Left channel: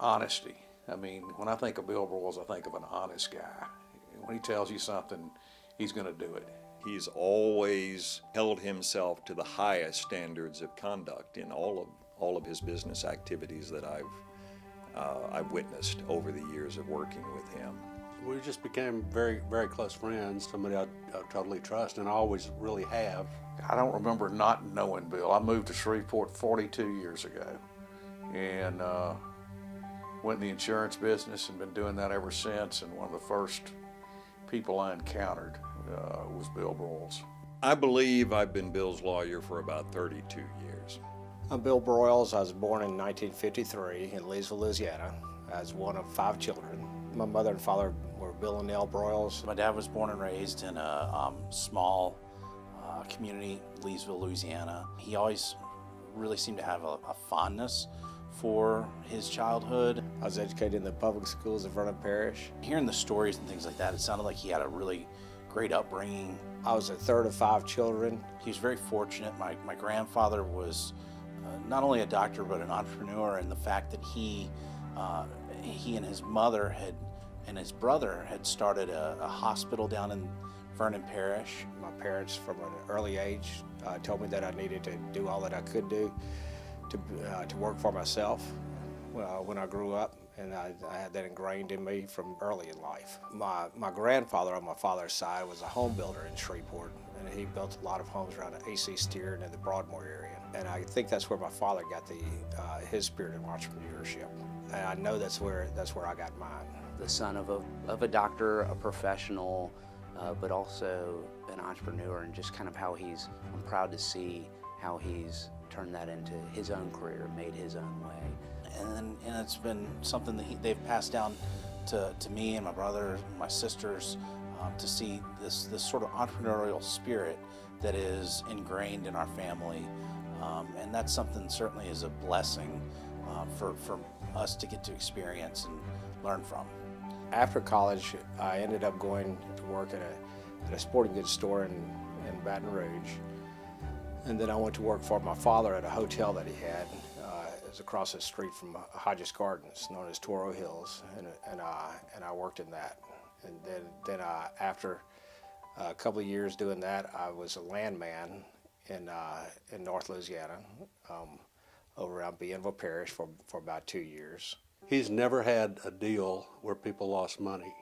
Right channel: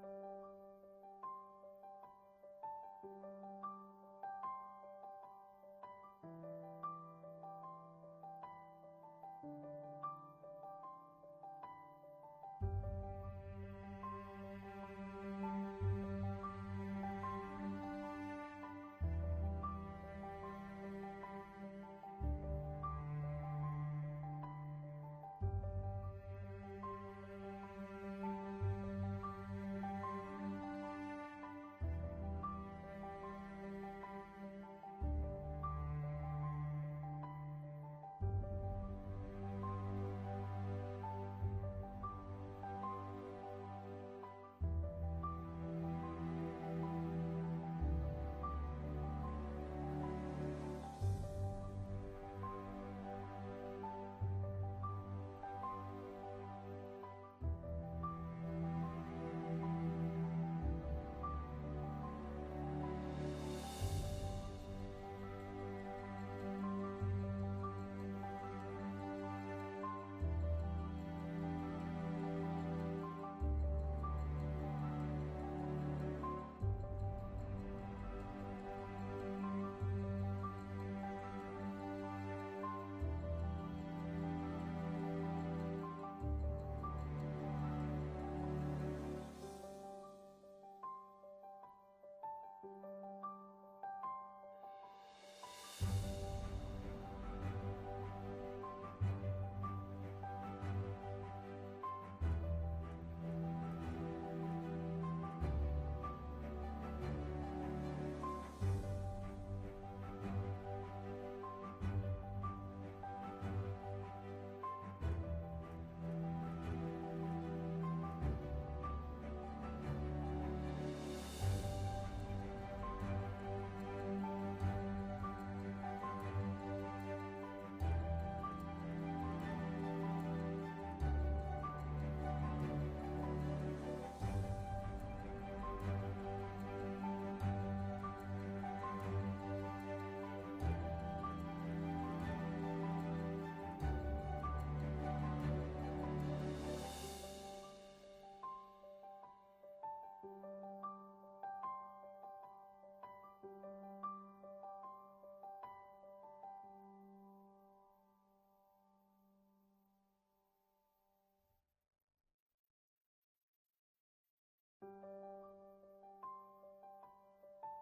Honesty. I mean, when I think of Bill Broyles, I think of an honest guy. When he tells you something, he's going to do it. He's always held himself to the highest standards of conduct in all of his business activities that I've witnessed over the years of working with him. We just became very, very close friends, somebody I totally trust, and I always really have. I don't remember not knowing Bill. I moved to Shreveport 42 years ago and went in the insurance business and been doing that ever since. And one of the first people I encountered was Bill Broyles. I believe I've been Bill's lawyer for about 32 years. I'm Bill Broyles. I was born in 1953 in Leesville, Louisiana, as one of 5 children. My mother and father were Bill and Nell Broyles. My dad was born and raised in a small community, Leesville, Louisiana. He always really seemed to have a fondness for his childhood. I was educated in the public schools of Vernon Parish. Hearing the stories and things like that, it sounded like he had a really great upbringing. I was the third of 5 children. He was very fortunate. My grandfather was not only a doctor but an entrepreneur, and the fact that he and his mother and his brother had started a hospital down in Vernon Parish. My parents, from an early age, told me that I needed to do all that I could do to work for myself when I grew up, and I had that ingrained in me from early in life. My grandfather on my father's side was a home builder in Shreveport, and he built a lot of homes around the AC Steer and the Broadmoor area. And I think that's where my father got his spirit of entrepreneurship, and I know that's where I got mine. The son of a doctor, a professional, but also an entrepreneur, and just kind of how I'm proud to see how he's turned that into his own career, made his own way. And it's been something that they've passed down to me and my brother, my sisters, to see this sort of entrepreneurial spirit that is ingrained in our family. And that's something certainly is a blessing for us to get to experience and learn from. After college, I ended up going to work at a sporting goods store in Baton Rouge. And then I went to work for my father at a hotel that he had. It was across the street from Hodges Gardens, known as Toro Hills, and I worked in that. And then after a couple of years doing that, I was a landman in North Louisiana, over around Bienville Parish for about 2 years. He's never had a deal where people lost money.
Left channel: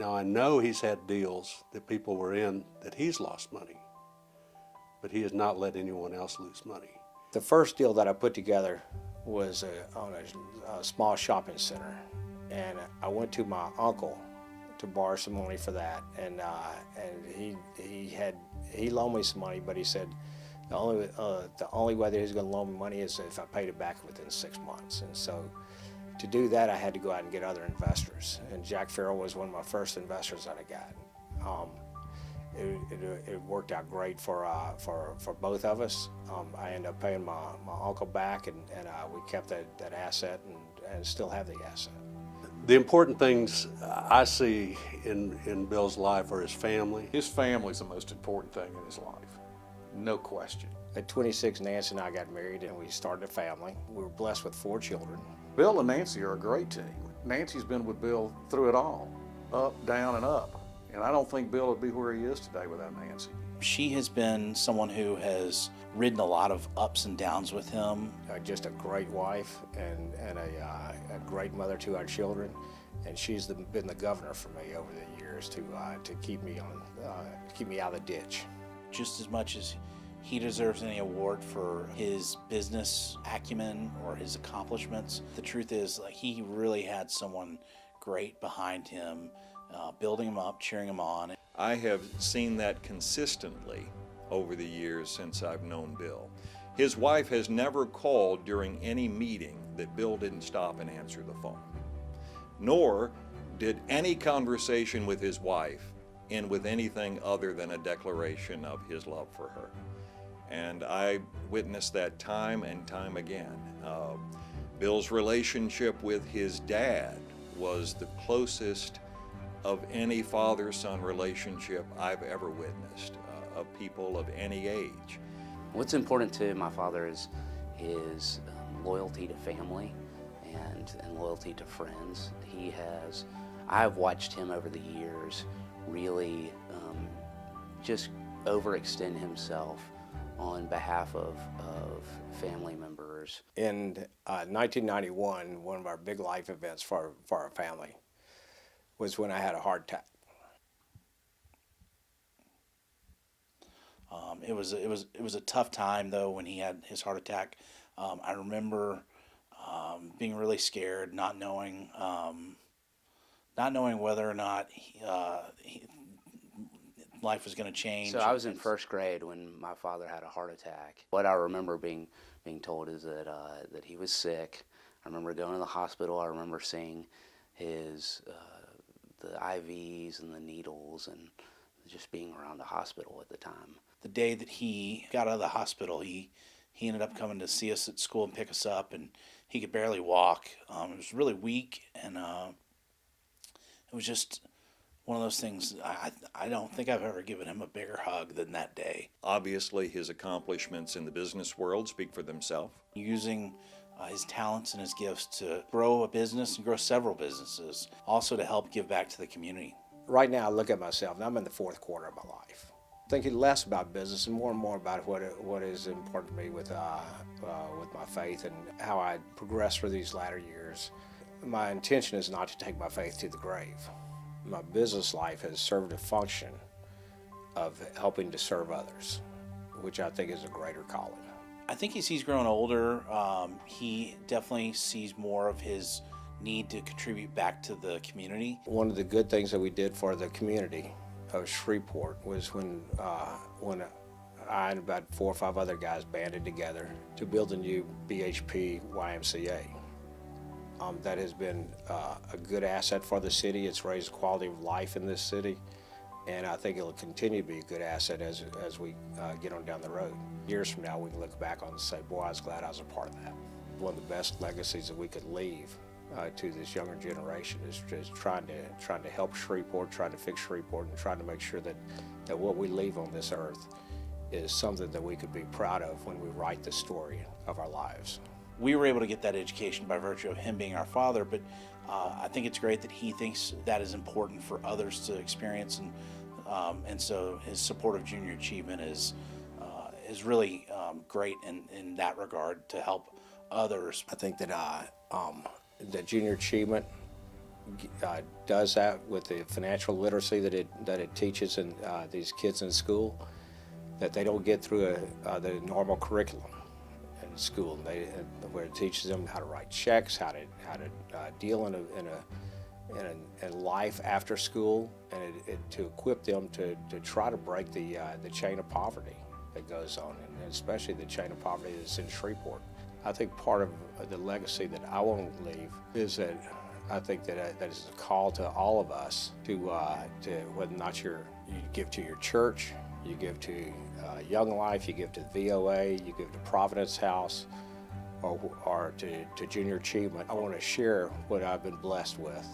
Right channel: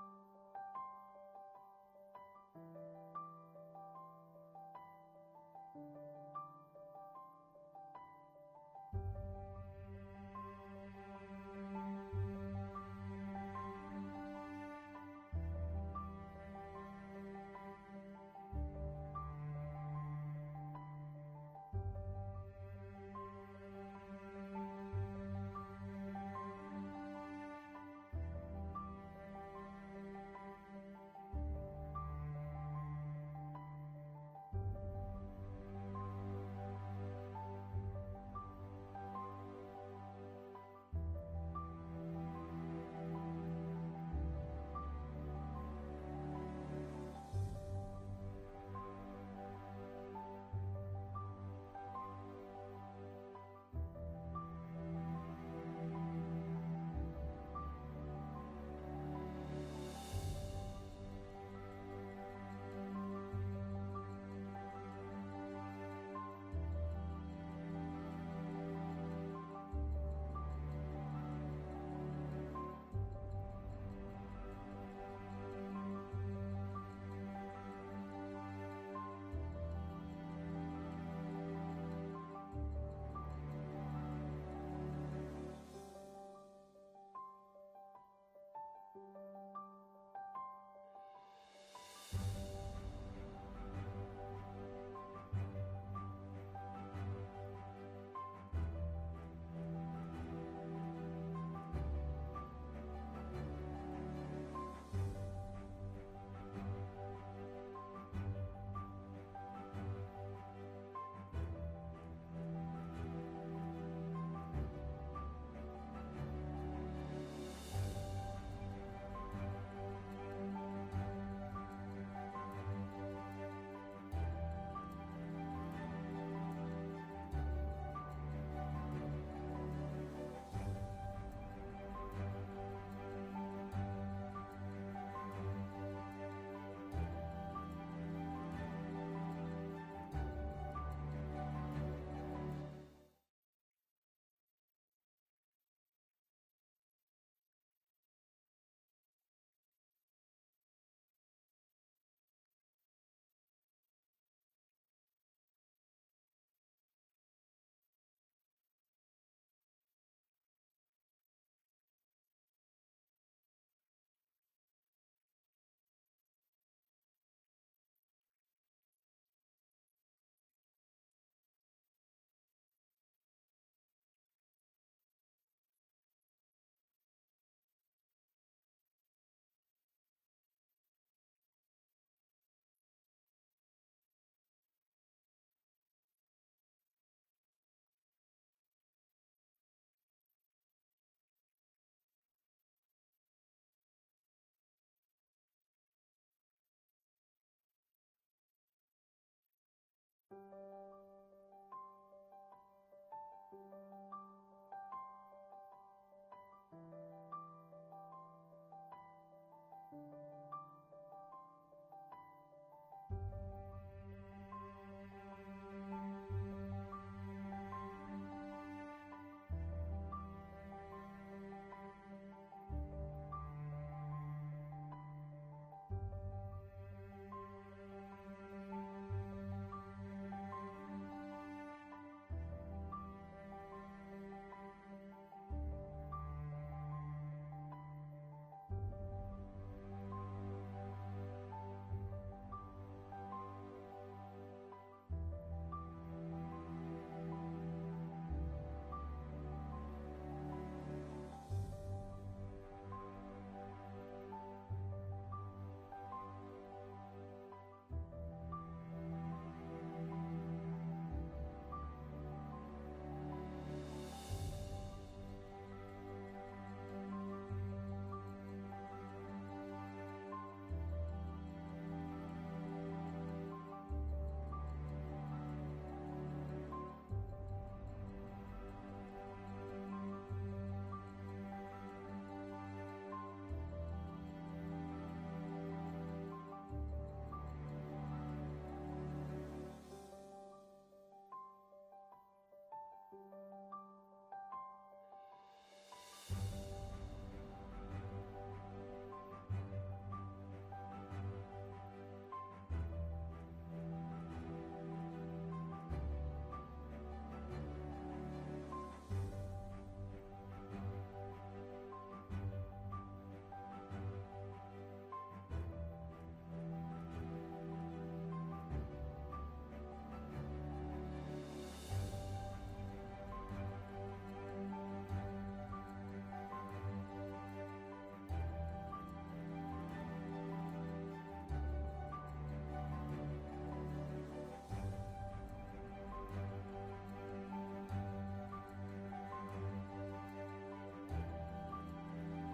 Now I know he's had deals that people were in that he's lost money, but he has not let anyone else lose money. The first deal that I put together was on a small shopping center, and I went to my uncle to borrow some money for that, and he loaned me some money, but he said the only way that he's going to loan me money is if I paid it back within 6 months. And so to do that, I had to go out and get other investors, and Jack Farrell was one of my first investors that I got. It worked out great for both of us. I ended up paying my uncle back, and we kept that asset and still have the asset. The important things I see in Bill's life are his family. His family's the most important thing in his life, no question. At 26, Nancy and I got married, and we started a family. We were blessed with 4 children. Bill and Nancy are a great team. Nancy's been with Bill through it all, up, down, and up. And I don't think Bill would be where he is today without Nancy. She has been someone who has ridden a lot of ups and downs with him. Just a great wife and a great mother to our children, and she's been the governor for me over the years to keep me out of the ditch. Just as much as he deserves any award for his business acumen or his accomplishments, the truth is, like, he really had someone great behind him, building him up, cheering him on. I have seen that consistently over the years since I've known Bill. His wife has never called during any meeting that Bill didn't stop and answer the phone. Nor did any conversation with his wife end with anything other than a declaration of his love for her. And I witnessed that time and time again. Bill's relationship with his dad was the closest of any father-son relationship I've ever witnessed, of people of any age. What's important to my father is his loyalty to family and loyalty to friends. I've watched him over the years really just overextend himself on behalf of family members. In 1991, one of our big life events for our family was when I had a heart attack. It was a tough time though when he had his heart attack. I remember being really scared, not knowing whether or not life was going to change. So I was in first grade when my father had a heart attack. What I remember being told is that he was sick. I remember going to the hospital. I remember seeing his the IVs and the needles and just being around the hospital at the time. The day that he got out of the hospital, he ended up coming to see us at school and pick us up, and he could barely walk. He was really weak, and it was just one of those things. I don't think I've ever given him a bigger hug than that day. Obviously, his accomplishments in the business world speak for themselves. Using his talents and his gifts to grow a business and grow several businesses, also to help give back to the community. Right now, I look at myself, and I'm in the fourth quarter of my life. Thinking less about business and more about what is important to me with my faith and how I progress through these latter years. My intention is not to take my faith to the grave. My business life has served a function of helping to serve others, which I think is a greater calling. I think as he's grown older, he definitely sees more of his need to contribute back to the community. One of the good things that we did for the community of Shreveport was when I and about 4 or 5 other guys banded together to build a new BHP YMCA. That has been a good asset for the city. It's raised quality of life in this city, and I think it'll continue to be a good asset as we get on down the road. Years from now, we can look back on it and say, boy, I was glad I was a part of that. One of the best legacies that we could leave to this younger generation is just trying to help Shreveport, trying to fix Shreveport, and trying to make sure that what we leave on this earth is something that we could be proud of when we write the story of our lives. We were able to get that education by virtue of him being our father, but I think it's great that he thinks that is important for others to experience, and so his support of junior achievement is really great in that regard to help others. I think that junior achievement does that with the financial literacy that it teaches in these kids in school, that they don't get through the normal curriculum in school. Where it teaches them how to write checks, how to deal in life after school, and to equip them to try to break the chain of poverty that goes on, and especially the chain of poverty that's in Shreveport. I think part of the legacy that I want to leave is that I think that is a call to all of us to whether or not you give to your church, you give to Young Life, you give to the VOA, you give to Providence House, or to junior achievement. I want to share what I've been blessed with.